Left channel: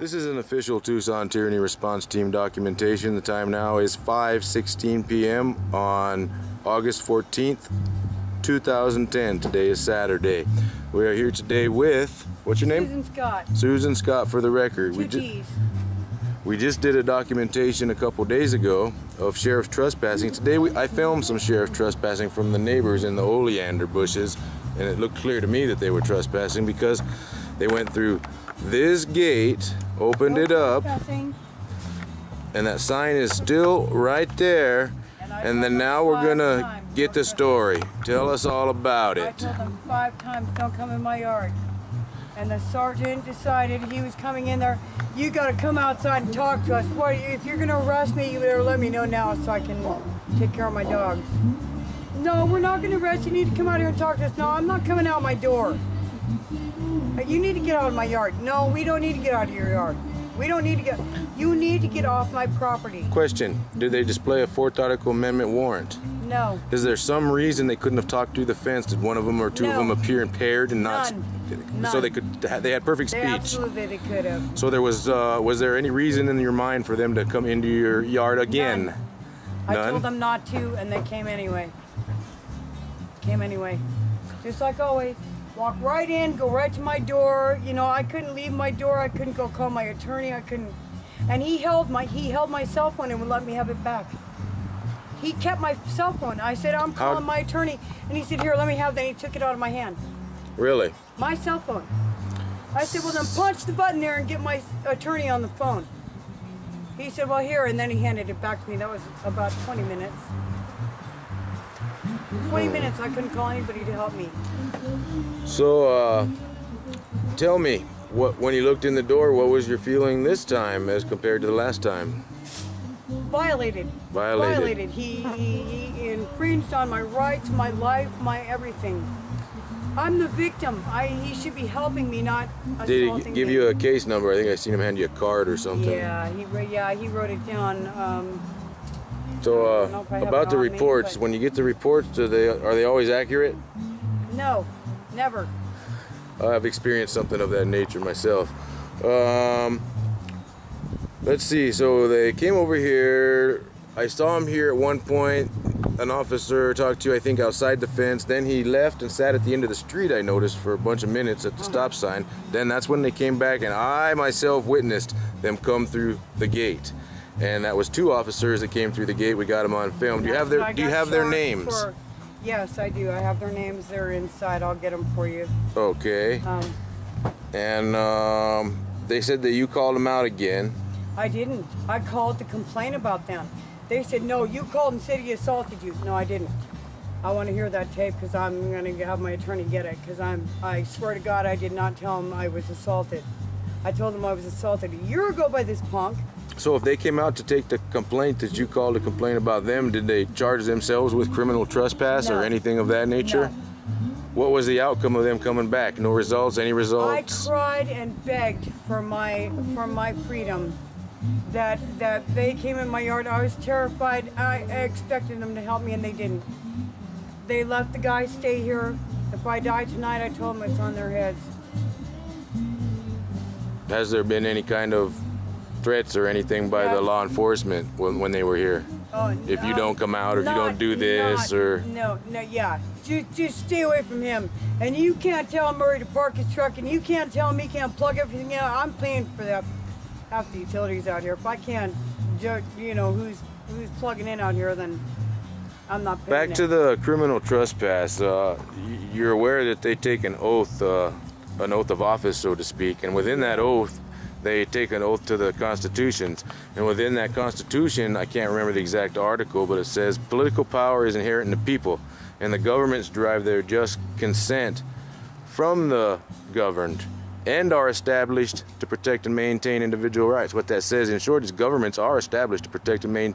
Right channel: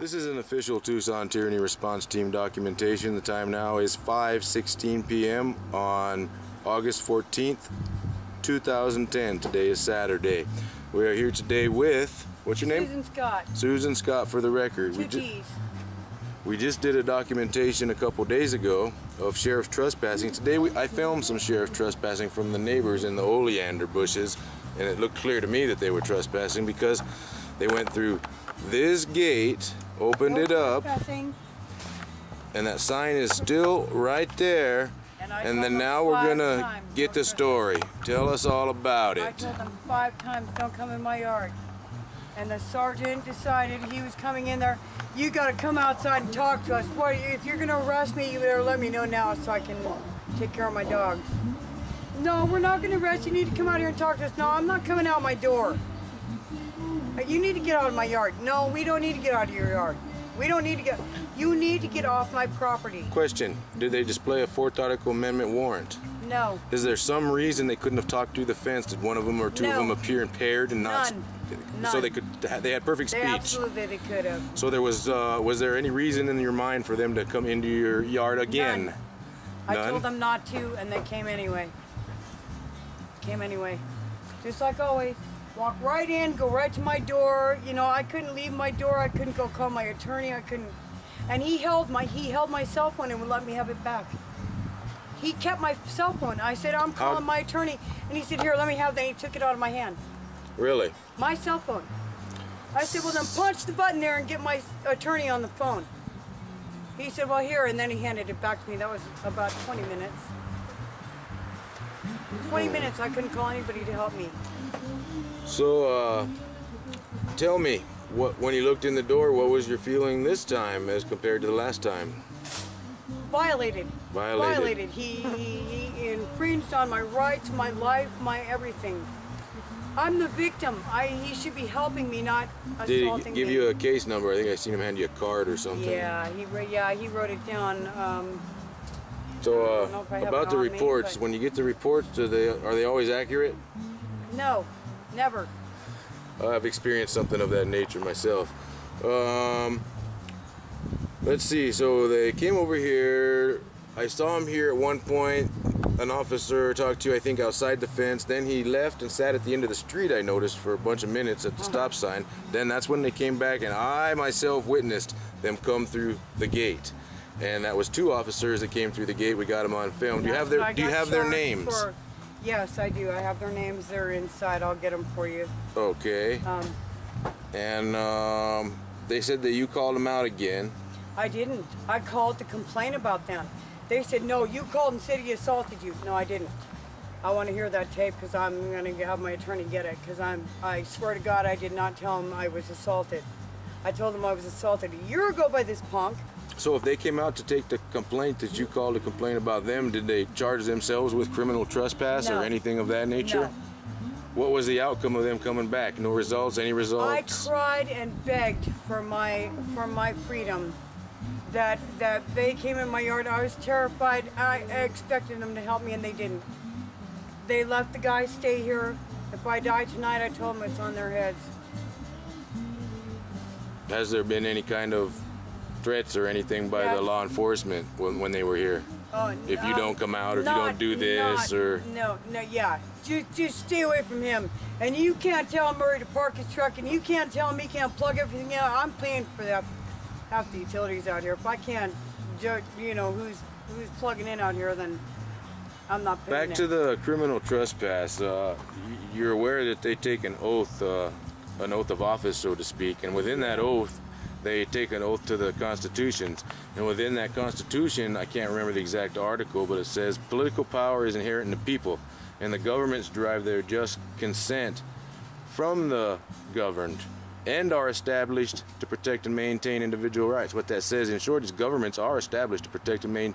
This is an official Tucson Tyranny Response Team documentation. The time now is 5:16 p.m. on August 14th, 2010. Today is Saturday. We are here today with, what's your name? Susan Scott. Susan Scott, for the record. Two T's. We just did a documentation a couple days ago of sheriff's trespassing. Today I filmed some sheriff trespassing from the neighbors in the oleander bushes, and it looked clear to me that they were trespassing because they went through this gate, opened it up, and that sign is still right there. And then now we're gonna get the story. Tell us all about it. I told them 5 times, don't come in my yard. And the sergeant decided he was coming in there. You gotta come outside and talk to us. What, if you're gonna arrest me, you better let me know now so I can take care of my dogs. No, we're not gonna arrest you. You need to come out here and talk to us. No, I'm not coming out my door. You need to get out of my yard. No, we don't need to get out of your yard. We don't need to get, you need to get off my property. Question, did they display a 4th Article Amendment warrant? No. Is there some reason they couldn't have talked through the fence? Did one of them or two of them appear impaired and not? None. So they had perfect speech? Absolutely, they could have. So there was there any reason in your mind for them to come into your yard again? None. I told them not to, and they came anyway. Just like always. Walk right in, go right to my door. You know, I couldn't leave my door. I couldn't go call my attorney. I couldn't. And he held my cell phone and would let me have it back. He kept my cell phone. I said, I'm calling my attorney. And he said, here, let me have that. And he took it out of my hand. Really? My cell phone. I said, well, then punch the button there and get my attorney on the phone. He said, well, here. And then he handed it back to me. That was about 20 minutes. 20 minutes, I couldn't call anybody to help me. So, tell me, when you looked in the door, what was your feeling this time as compared to the last time? Violated. Violated. He infringed on my rights, my life, my everything. I'm the victim. He should be helping me, not assaulting me. Did he give you a case number? I think I seen him hand you a card or something. Yeah, he wrote it down. So, about the reports, when you get the reports, are they always accurate? No, never. I've experienced something of that nature myself. Let's see, so they came over here. I saw him here at one point. An officer talked to, I think, outside the fence. Then he left and sat at the end of the street, I noticed, for a bunch of minutes at the stop sign. Then that's when they came back, and I myself witnessed them come through the gate. And that was 2 officers that came through the gate. We got them on film. Do you have their names? Yes, I do. I have their names. They're inside. I'll get them for you. Okay. And they said that you called them out again. I didn't. I called to complain about them. They said, no, you called and said he assaulted you. No, I didn't. I want to hear that tape because I'm going to have my attorney get it, because I swear to God I did not tell him I was assaulted. I told him I was assaulted a year ago by this punk. So if they came out to take the complaint that you called to complain about them, did they charge themselves with criminal trespass or anything of that nature? No. What was the outcome of them coming back? No results? Any results? I cried and begged for my freedom. That they came in my yard. I was terrified. I expected them to help me, and they didn't. They let the guy stay here. If I die tonight, I told them it's on their heads. Has there been any kind of threats or anything by the law enforcement when they were here? If you don't come out, or if you don't do this, or... No, yeah. Just stay away from him. And you can't tell Murray to park his truck, and you can't tell him he can't plug everything out. I'm paying for that, half the utilities out here. If I can't judge, you know, who's plugging in out here, then I'm not paying. Back to the criminal trespass. You're aware that they take an oath of office, so to speak, and within that oath, they take an oath to the Constitution. And within that Constitution, I can't remember the exact article, but it says, political power is inherent in the people, and the governments derive their just consent from the governed, and are established to protect and maintain individual rights. What that says, in short, is governments are established to protect and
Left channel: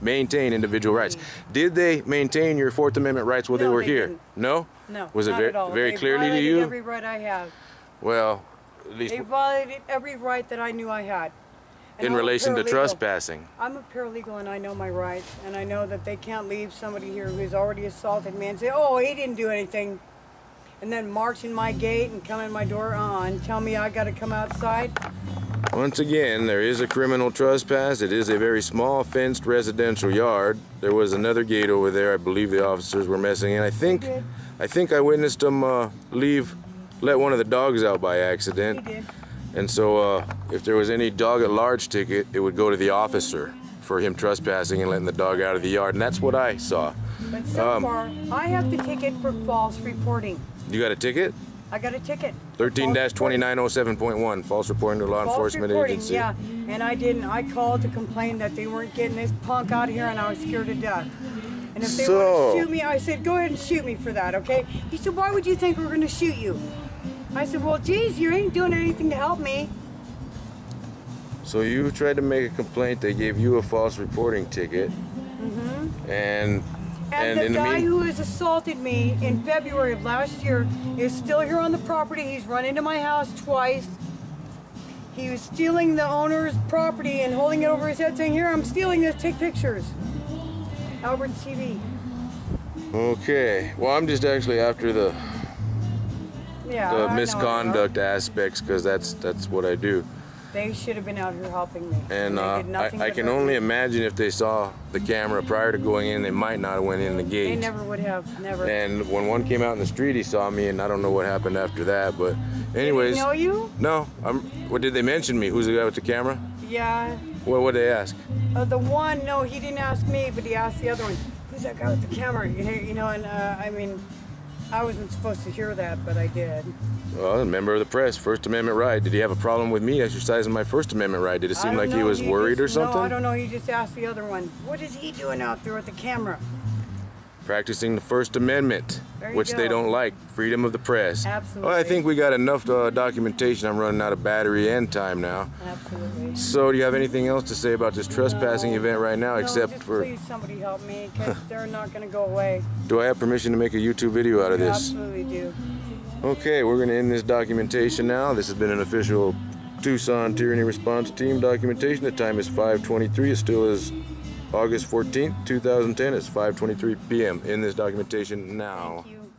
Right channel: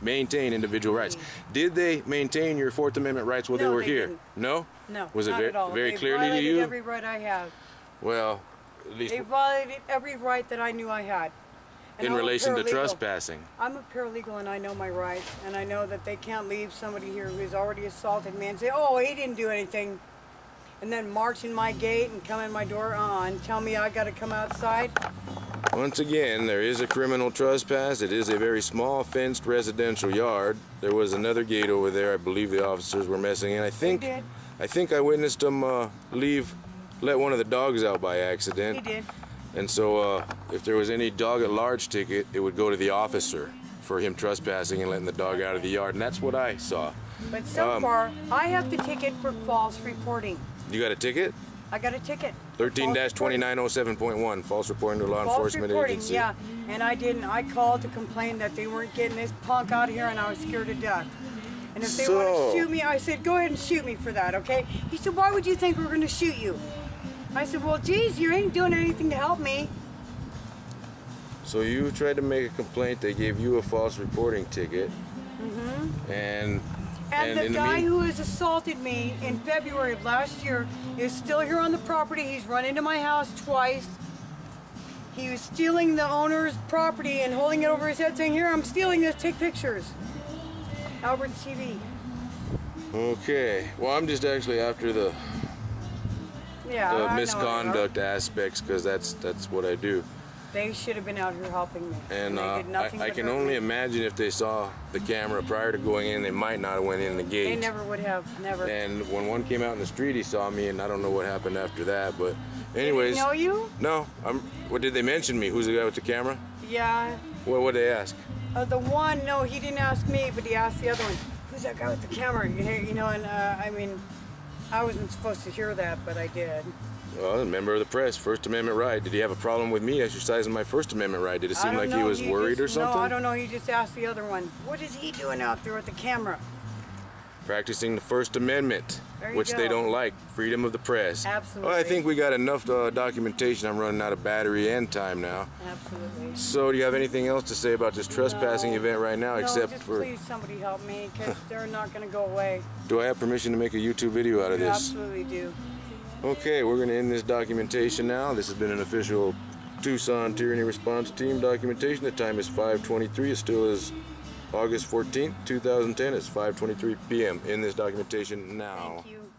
maintain individual rights. Did they maintain your 4th Amendment rights while they were here? Didn't. No? No, was it very clearly to you? They violated every right I have. Well, at least... They violated every right that I knew I had. And in relation to trespassing. I'm a paralegal, and I know my rights, and I know that they can't leave somebody here who's already assaulted me and say, oh, he didn't do anything, and then march in my gate and come in my door and tell me I got to come outside. Once again, there is a criminal trespass. It is a very small fenced residential yard. There was another gate over there. I believe the officers were messing in. I think I witnessed them let one of the dogs out by accident. He did. And so if there was any dog at large ticket, it would go to the officer for him trespassing and letting the dog out of the yard. And that's what I saw. But so far, I have the ticket for false reporting. You got a ticket? I got a ticket. 13-2907.1, false reporting to a law enforcement agency. Yeah, and I didn't. I called to complain that they weren't getting this punk out of here, and I was scared to death. And if they want to shoot me, I said, go ahead and shoot me for that, okay? He said, why would you think we're going to shoot you? I said, well, geez, you ain't doing anything to help me. So you tried to make a complaint. They gave you a false reporting ticket. Mm-hmm. And the guy who has assaulted me in February of last year is still here on the property. He's run into my house twice. He was stealing the owner's property and holding it over his head saying, here, I'm stealing this, take pictures. Albert's TV. Okay, well, I'm just actually after the misconduct aspects, because that's what I do. They should have been out here helping me. And I can only imagine if they saw the camera prior to going in, they might not have went in the gate. They never would have, never. And when one came out in the street, he saw me, and I don't know what happened after that. But anyways. Did he know you? No. What did they mention me? Who's the guy with the camera? Yeah. What did they ask? The one, no, he didn't ask me, but he asked the other one. Who's that guy with the camera? You know, and I mean, I wasn't supposed to hear that, but I did. Well, a member of the press, First Amendment right. Did he have a problem with me exercising my First Amendment right? Did it seem like he was worried or something? No, I don't know. He just asked the other one. What is he doing out there with the camera? Practicing the First Amendment, which they don't like. Freedom of the press. Absolutely. Well, I think we got enough documentation. I'm running out of battery and time now. Absolutely. So do you have anything else to say about this trespassing event right now, except just for... please somebody help me, because they're not going to go away. Do I have permission to make a YouTube video out of You this? absolutely do. Okay, we're going to end this documentation now. This has been an official Tucson Tyranny Response Team documentation. The time is 5:23. It still is August 14th, 2010. It's 5:23 p.m. in this documentation now. Thank you.